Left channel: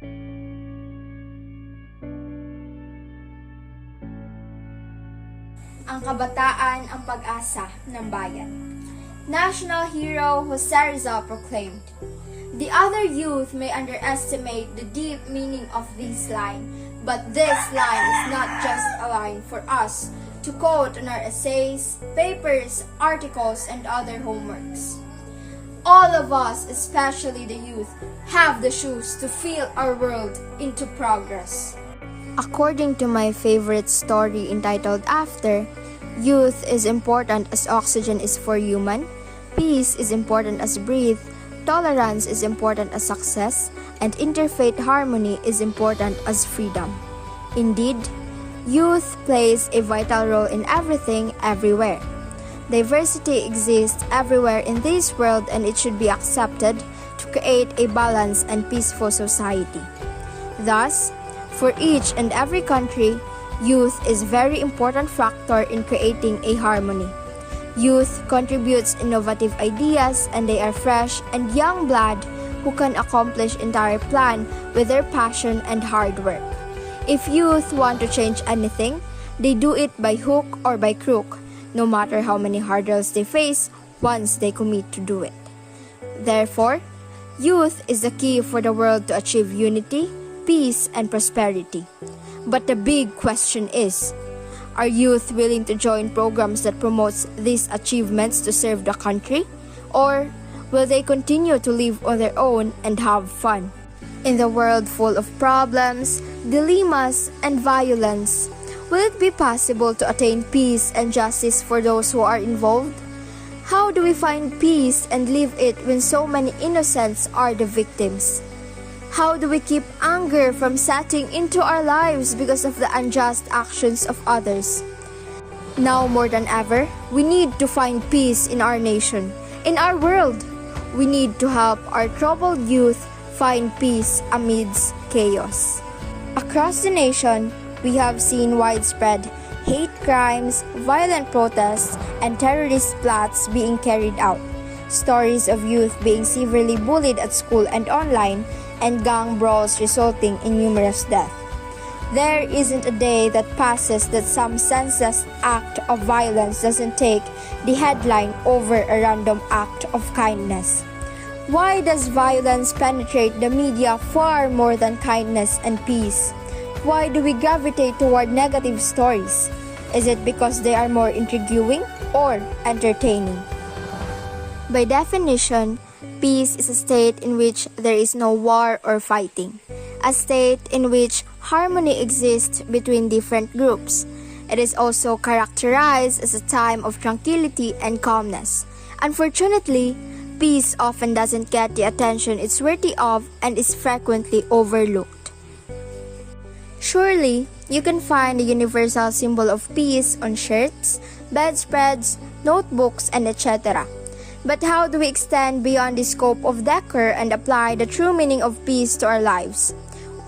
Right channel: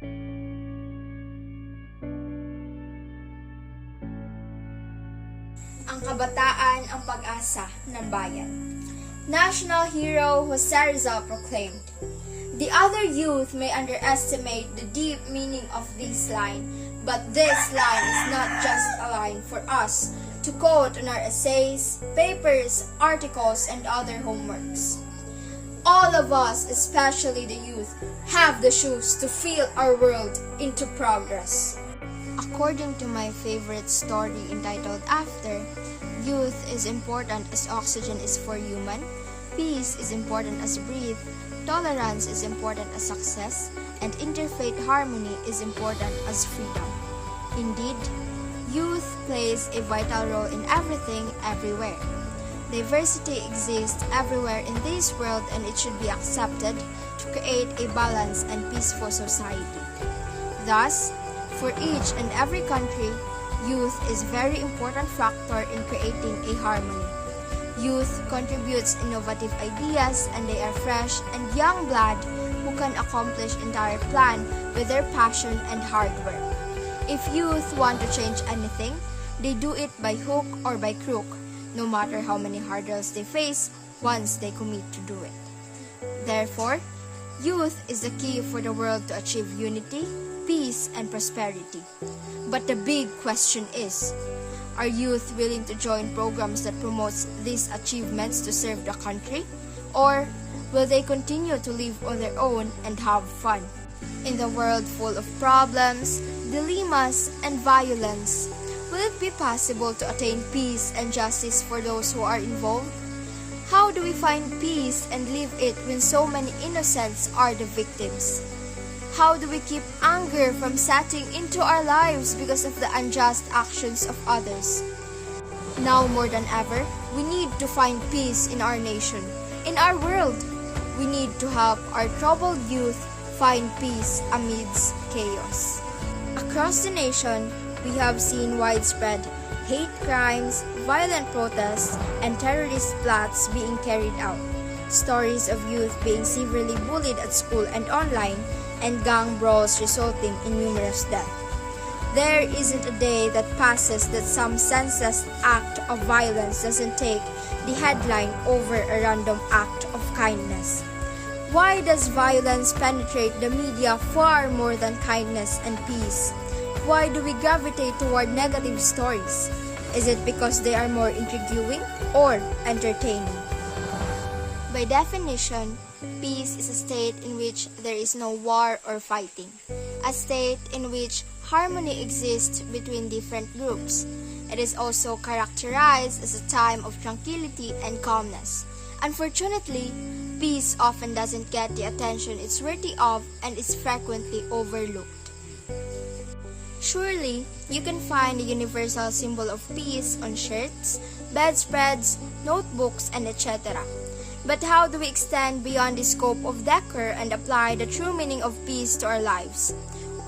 Ang kabataan ang pag-asa ng bayan. National hero Jose Rizal proclaimed, "The other youth may underestimate the deep meaning of this line, but this line is not just a line for us to quote in our essays, papers, articles, and other homeworks. All of us, especially the youth, have the shoes to feel our world into progress." According to my favorite story entitled After, youth is important as oxygen is for human, peace is important as breathe, tolerance is important as success, and interfaith harmony is important as freedom. Indeed, youth plays a vital role in everything, everywhere. Diversity exists everywhere in this world, and it should be accepted to create a balanced and peaceful society. Thus, for each and every country, youth is a very important factor in creating a harmony. Youth contributes innovative ideas, and they are fresh and young blood who can accomplish entire plan with their passion and hard work. If youth want to change anything, they do it by hook or by crook, no matter how many hurdles they face once they commit to do it. Therefore, youth is the key for the world to achieve unity, peace, and prosperity. But the big question is, are youth willing to join programs that promotes these achievements to serve the country? Or will they continue to live on their own and have fun? In the world full of problems, dilemmas, and violence, will it be possible to attain peace and justice for those who are involved? How do we find peace and live it when so many innocents are the victims? How do we keep anger from setting into our lives because of the unjust actions of others? Now more than ever, we need to find peace in our nation, in our world. We need to help our troubled youth find peace amidst chaos. Across the nation, we have seen widespread hate crimes, violent protests, and terrorist plots being carried out. Stories of youth being severely bullied at school and online, and gang brawls resulting in numerous deaths. There isn't a day that passes that some senseless act of violence doesn't take the headline over a random act of kindness. Why does violence penetrate the media far more than kindness and peace? Why do we gravitate toward negative stories? Is it because they are more intriguing or entertaining? By definition, peace is a state in which there is no war or fighting, a state in which harmony exists between different groups. It is also characterized as a time of tranquility and calmness. Unfortunately, peace often doesn't get the attention it's worthy of and is frequently overlooked. Surely, you can find the universal symbol of peace on shirts, bedspreads, notebooks, and etc. But how do we extend beyond the scope of decor and apply the true meaning of peace to our lives?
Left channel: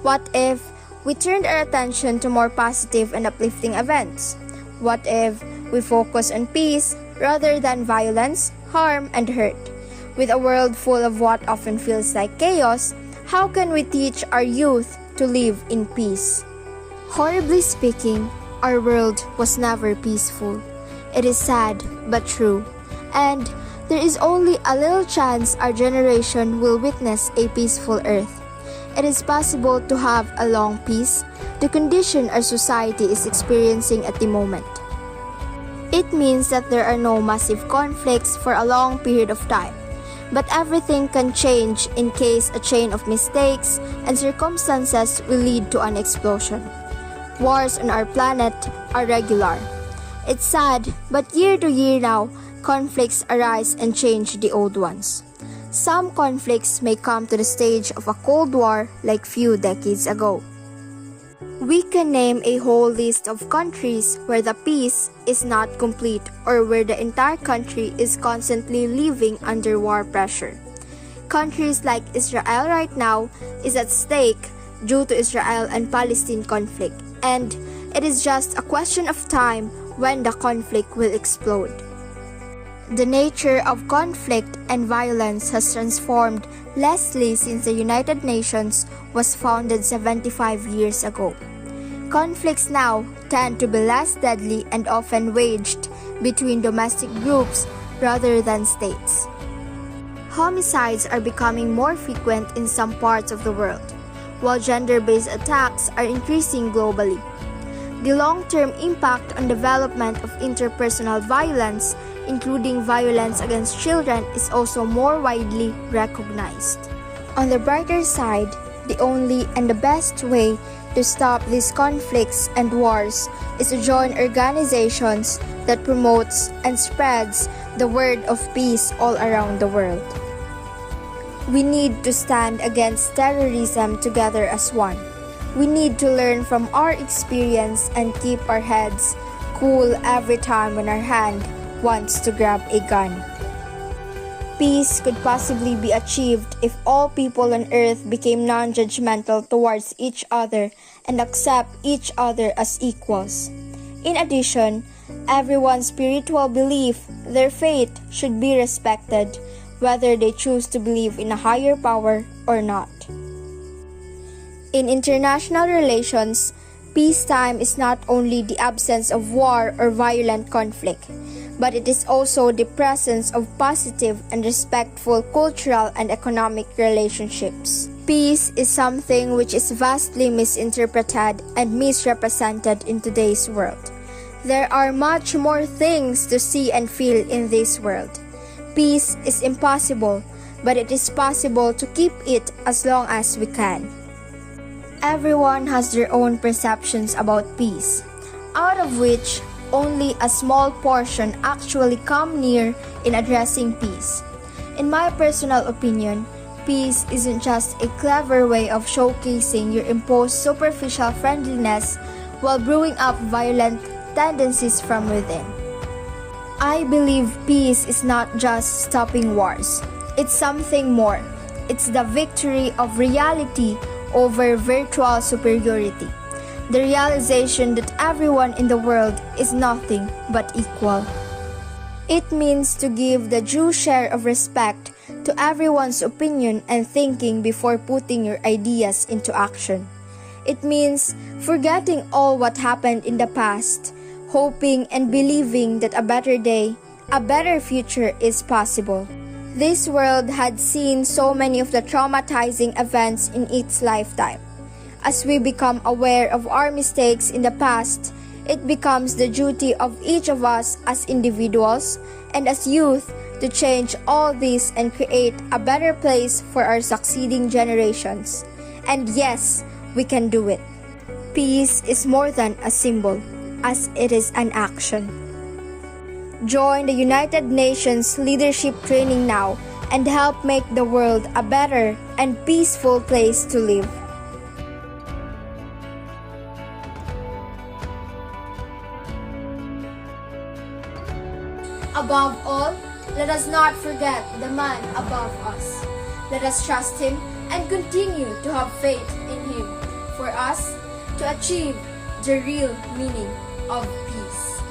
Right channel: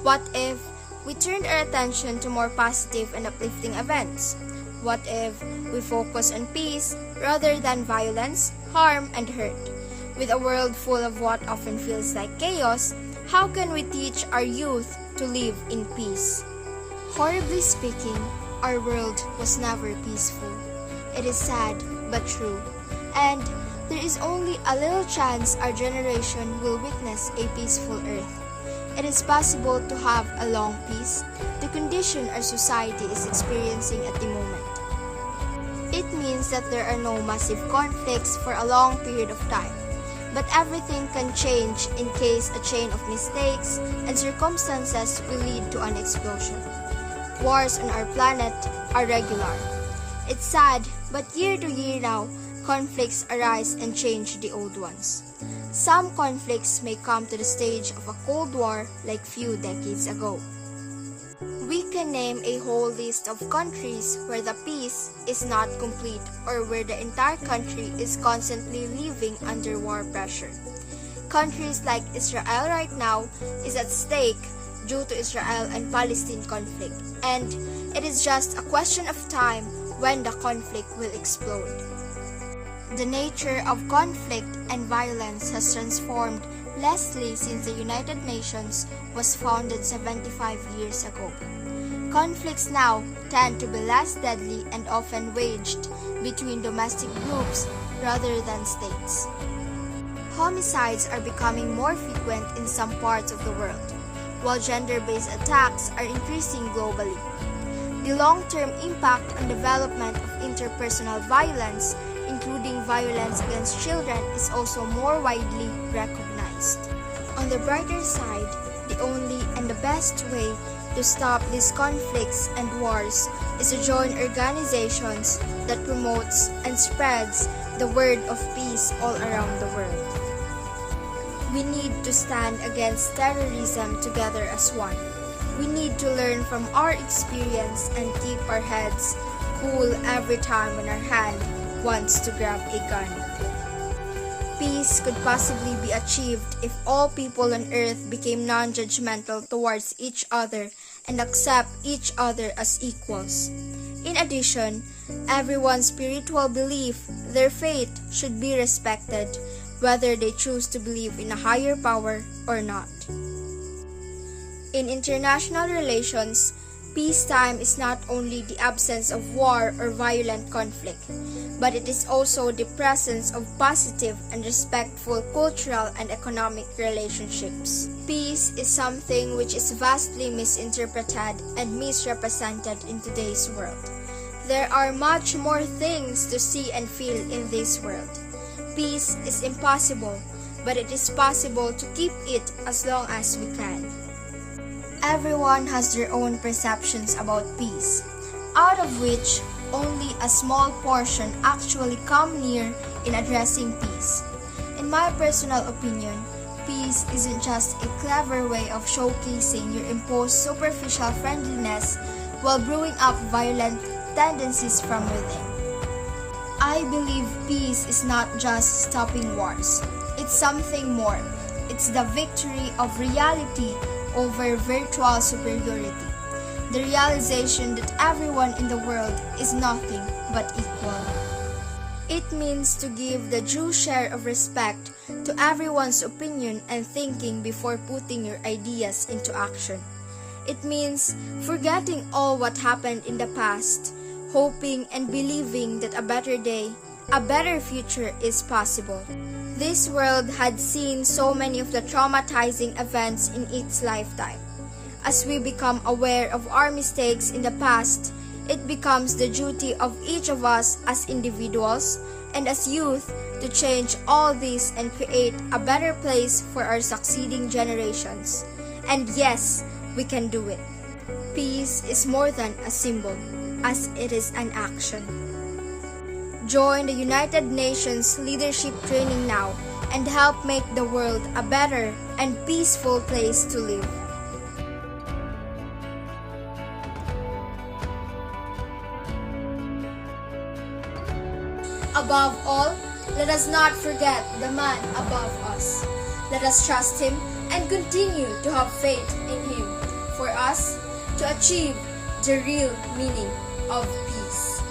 What if we turned our attention to more positive and uplifting events? What if we focus on peace rather than violence, harm, and hurt? With a world full of what often feels like chaos, how can we teach our youth to live in peace? Horribly speaking, our world was never peaceful. It is sad but true, and there is only a little chance our generation will witness a peaceful earth. It is possible to have a long peace, the condition our society is experiencing at the moment. It means that there are no massive conflicts for a long period of time, but everything can change in case a chain of mistakes and circumstances will lead to an explosion. Wars on our planet are regular. It's sad, but year to year now, conflicts arise and change the old ones. Some conflicts may come to the stage of a Cold War like few decades ago. We can name a whole list of countries where the peace is not complete or where the entire country is constantly living under war pressure. Countries like Israel right now is at stake due to Israel and Palestine conflict, and it is just a question of time when the conflict will explode. The nature of conflict and violence has transformed Leslie, since the United Nations was founded 75 years ago. Conflicts now tend to be less deadly and often waged between domestic groups rather than states. Homicides are becoming more frequent in some parts of the world, while gender-based attacks are increasing globally. The long-term impact on development of interpersonal violence, including violence against children, is also more widely recognized. On the brighter side, the only and the best way to stop these conflicts and wars is to join organizations that promotes and spreads the word of peace all around the world. We need to stand against terrorism together as one. We need to learn from our experience and keep our heads cool every time when our hand wants to grab a gun. Peace could possibly be achieved if all people on earth became non-judgmental towards each other and accept each other as equals. In addition, everyone's spiritual belief, their faith, should be respected, whether they choose to believe in a higher power or not. In international relations, peacetime is not only the absence of war or violent conflict, but it is also the presence of positive and respectful cultural and economic relationships. Peace is something which is vastly misinterpreted and misrepresented in today's world. There are much more things to see and feel in this world. Peace is impossible, but it is possible to keep it as long as we can. Everyone has their own perceptions about peace, out of which only a small portion actually come near in addressing peace. In my personal opinion, peace isn't just a clever way of showcasing your imposed superficial friendliness while brewing up violent tendencies from within. I believe peace is not just stopping wars. It's something more. It's the victory of reality over virtual superiority. The realization that everyone in the world is nothing but equal. It means to give the due share of respect to everyone's opinion and thinking before putting your ideas into action. It means forgetting all what happened in the past, hoping and believing that a better day, a better future is possible. This world had seen so many of the traumatizing events in its lifetime. As we become aware of our mistakes in the past, it becomes the duty of each of us as individuals and as youth to change all this and create a better place for our succeeding generations. And yes, we can do it. Peace is more than a symbol, as it is an action. Join the United Nations leadership training now and help make the world a better and peaceful place to live. Above all, let us not forget the man above us. Let us trust him and continue to have faith in him for us to achieve the real meaning of peace.